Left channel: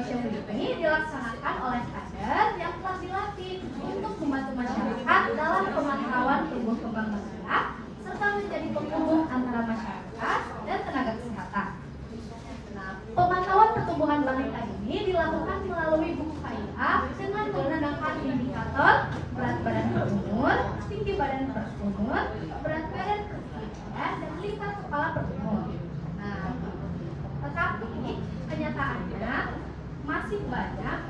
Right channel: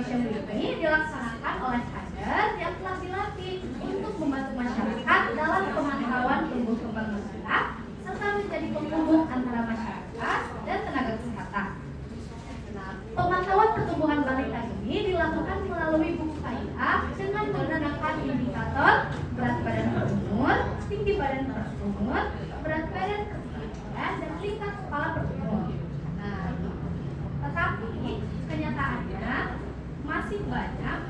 Posyandu ini dilaksanakan oleh kader yang telah dilatih untuk membantu masyarakat dalam pemantauan tumbuh kembang anak serta menjadi penghubung antara masyarakat dan tenaga kesehatan. Nah, pemantauan pertumbuhan balita ini dilakukan melalui buku KIA dengan menggunakan indikator berat badan per umur, tinggi badan per umur, berat badan per kilogram, dan lingkar kepala per umur. Nah, tetapi kenyataannya masih banyak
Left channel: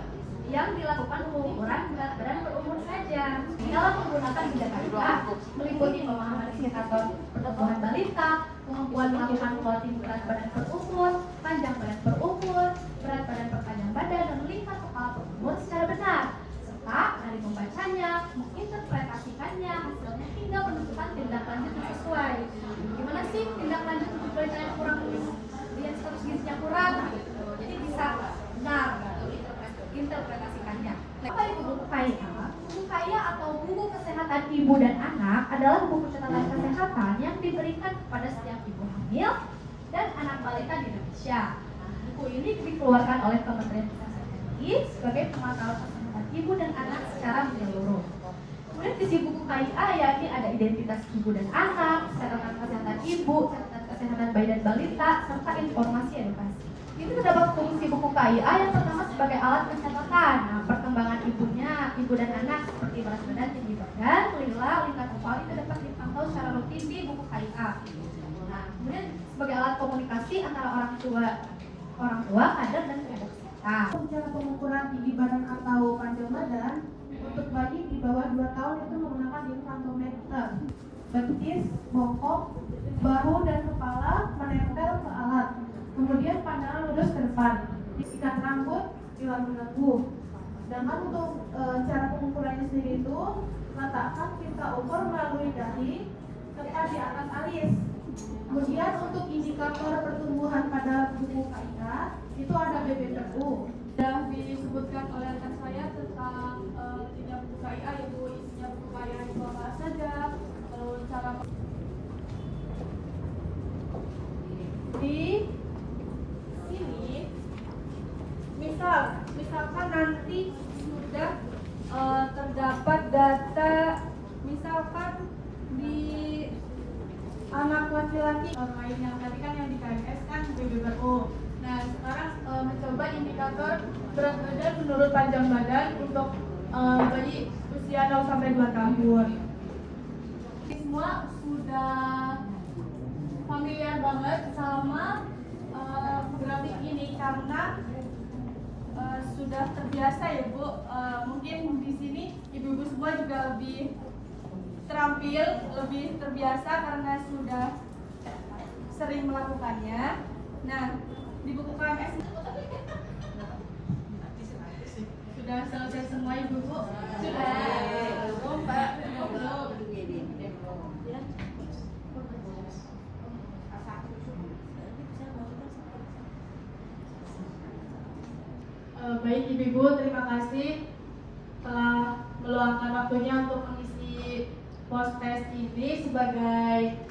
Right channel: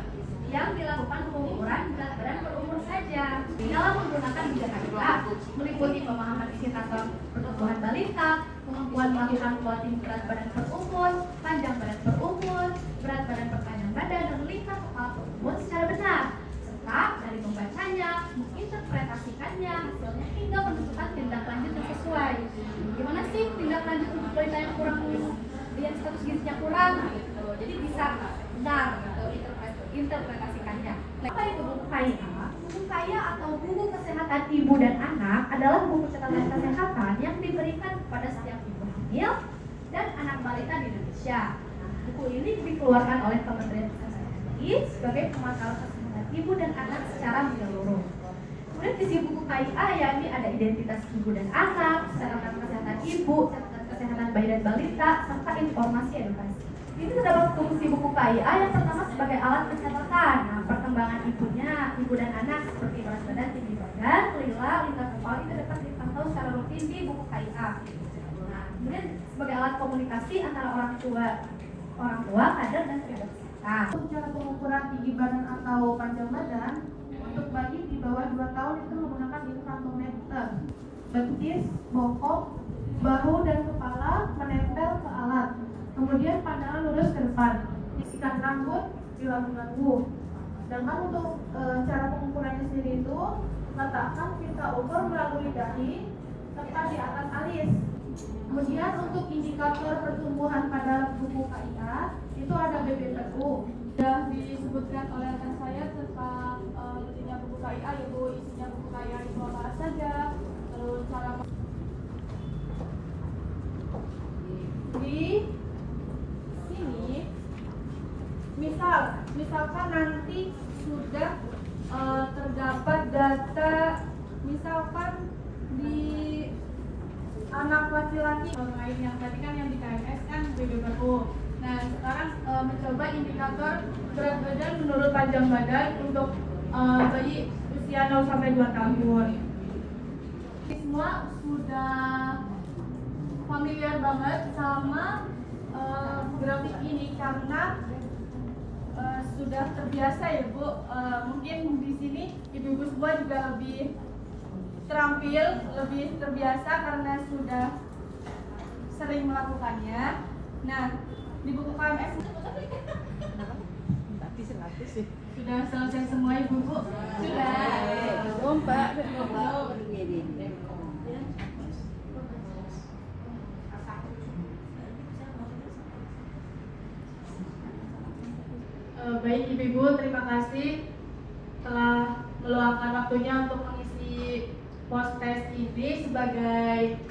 yang dilakukan pengukuran berat badan per umur saja. Dalam menggunakan bidang KIA meliputi pemahaman indikator pertumbuhan balita, kemampuan melakukan plotting berat badan per umur, panjang badan per umur, berat badan per panjang badan, dan lingkar kepala per umur secara benar, serta dari membacanya, menginterpretasikannya, hasilnya hingga menentukan tindak lanjut yang sesuai. Gimana sih tindak lanjut untuk balita yang kurang lihat status gizinya kurang gitu. Jadi bisa benar gitu, interpretasikannya. Apa itu buku KIA? Buku KIA atau buku kesehatan ibu dan anak adalah buku catatan kesehatan yang diberikan kepada setiap ibu hamil dan anak balita di Indonesia. Buku ini dikeluarkan oleh Kementerian Kesehatan RI sebagai pemantauan kesehatan ibu dan anak secara menyeluruh. Kemudian isi buku KIA yakni ada identitas ibu dan anak, catatan kesehatan ibu, catatan kesehatan bayi dan balita, serta informasi edukasi. Ini terdapat fungsi buku KIA yang pertama sebagai alat pencatatan. Nah, perkembangan ibunya, ibu dan anak seperti berat badan, tinggi badan, lingkar kepala itu dapat dipantau secara rutin di buku KIA. Nah, kemudian sebagai alat komunikasi antara orang tua, kader dan tenaga kesehatan. Cara pengukuran tinggi badan atau panjang badan untuk bayi di bawah 2 tahun itu menggunakan infantometer. Betis, bokong, bahu dan kepala menempel ke alat. Kemudian pandangan lurus ke depan. Sikat rambut dilagu-lagu. Sedangkan untuk cara pengukurannya sendiri itu letakkan pita ukur melalui dahi serta di atas alis. Kemudian untuk indikator pertumbuhan pada buku KIA itu ada BBPU. Yang disebutkan oleh rekan saya tentang isinya buku KIA, yaitu isinya buku KIA itu apa saja, terus cara di sini misalkan nanti sudah terdapat data misalkan di anak laki-laki lain yang tadi kan yang di KMS kan BBPU. Nah sekarang mencoba indikator berat badan menurut panjang badan untuk bayi usia 0 sampai 2 tahun. Semua sudah familiar banget sama grafik ini karena sudah terbiasa ya Bu. Mungkin di sini ibu-ibu semua juga lebih terampil, lebih terbiasa karena sudah sering melakukannya. Nah, di buku KMS sudah selesai semua ibu-ibu? Sudah. Baik ibu-ibu, terima kasih telah meluangkan waktunya untuk mengisi post test ini sebagai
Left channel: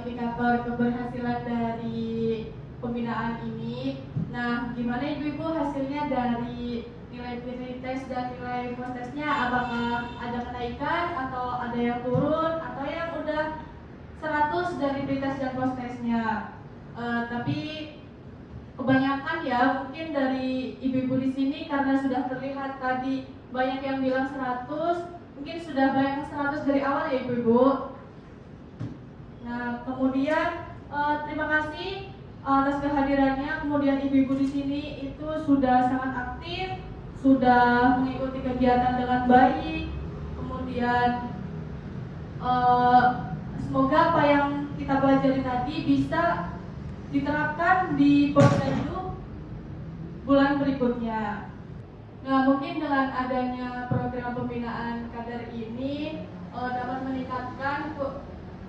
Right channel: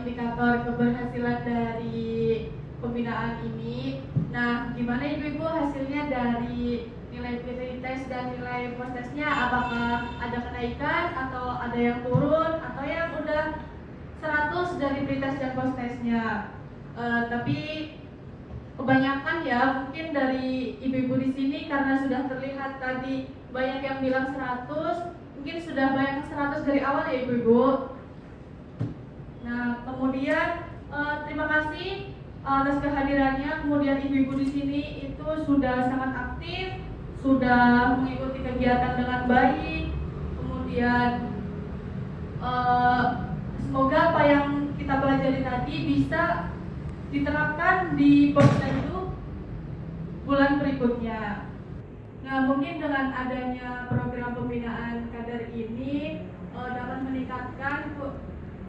indikator keberhasilan dari pembinaan ini. Nah, gimana ibu-ibu hasilnya dari nilai pretest dan nilai post testnya? Apakah ada kenaikan atau ada yang turun atau yang udah 100 dari pretest dan post testnya? Tapi kebanyakan ya mungkin dari ibu-ibu di sini karena sudah terlihat tadi banyak yang bilang 100, mungkin sudah banyak 100 dari awal ya ibu-ibu. Nah, kemudian terima kasih atas kehadirannya. Kemudian ibu-ibu di sini itu sudah sangat aktif, sudah mengikuti kegiatan dengan baik. Kemudian semoga apa yang kita pelajari tadi bisa diterapkan di Posyandu bulan berikutnya. Nah, mungkin dengan adanya program pembinaan kader ini dapat meningkatkan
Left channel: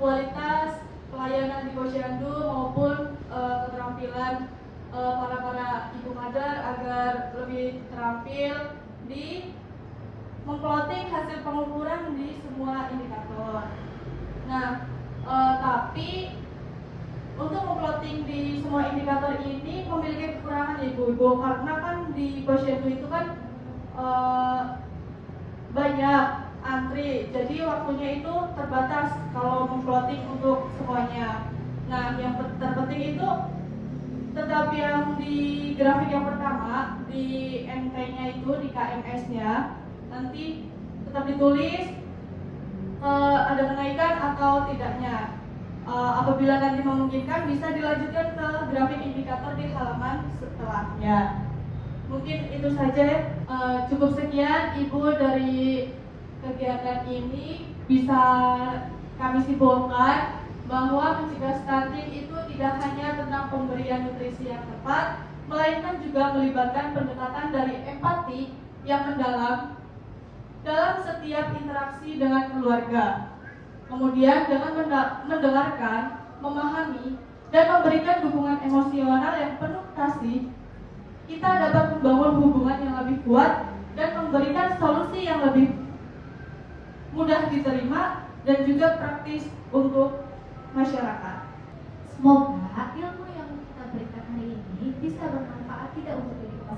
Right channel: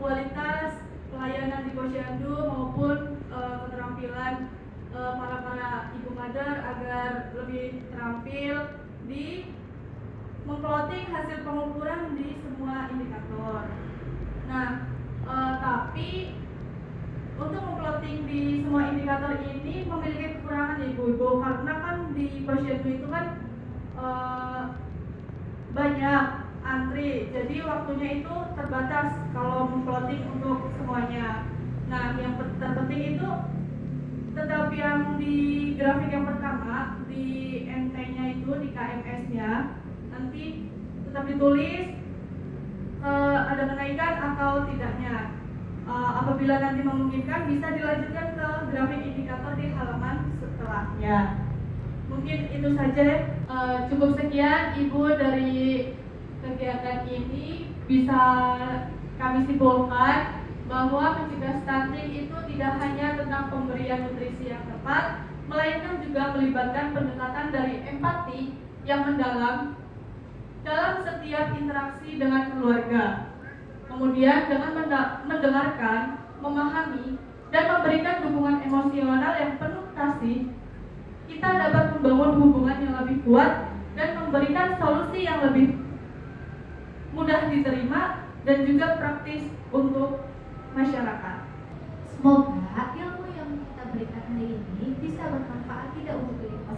kualitas pelayanan di Posyandu maupun keterampilan para ibu kader agar lebih terampil di memploting hasil pengukuran di semua indikator. Nah, tapi untuk memplotting di semua indikator ini memiliki kekurangan ya Ibu-Ibu, karena kan di posyandu itu kan banyak antri, jadi waktunya itu terbatas kalau memplotting untuk semuanya. Nah, yang terpenting itu tetap yang di grafik yang pertama, di MT-nya itu, di KMS-nya nanti tetap ditulis ada kenaikan atau tidaknya. Apabila nanti memungkinkan bisa dilanjutkan ke grafik indikator di halaman setelahnya. Mungkin itu saja, cukup sekian Ibu dari kegiatan ini. Bisa kami simpulkan bahwa mencegah stunting itu tidak hanya tentang pemberian nutrisi yang tepat, melainkan juga melibatkan pendekatan dari empati yang mendalam dalam setiap interaksi dengan keluarga. Kemudian dengan mendengarkan, memahami, dan memberikan dukungan emosional yang penuh kasih, kita dapat membangun hubungan yang lebih kuat dan memberikan solusi yang lebih mudah diterima dan juga praktis untuk masyarakat. Semoga ilmu yang kita berikan hari ini bisa bermanfaat tidak untuk diri kita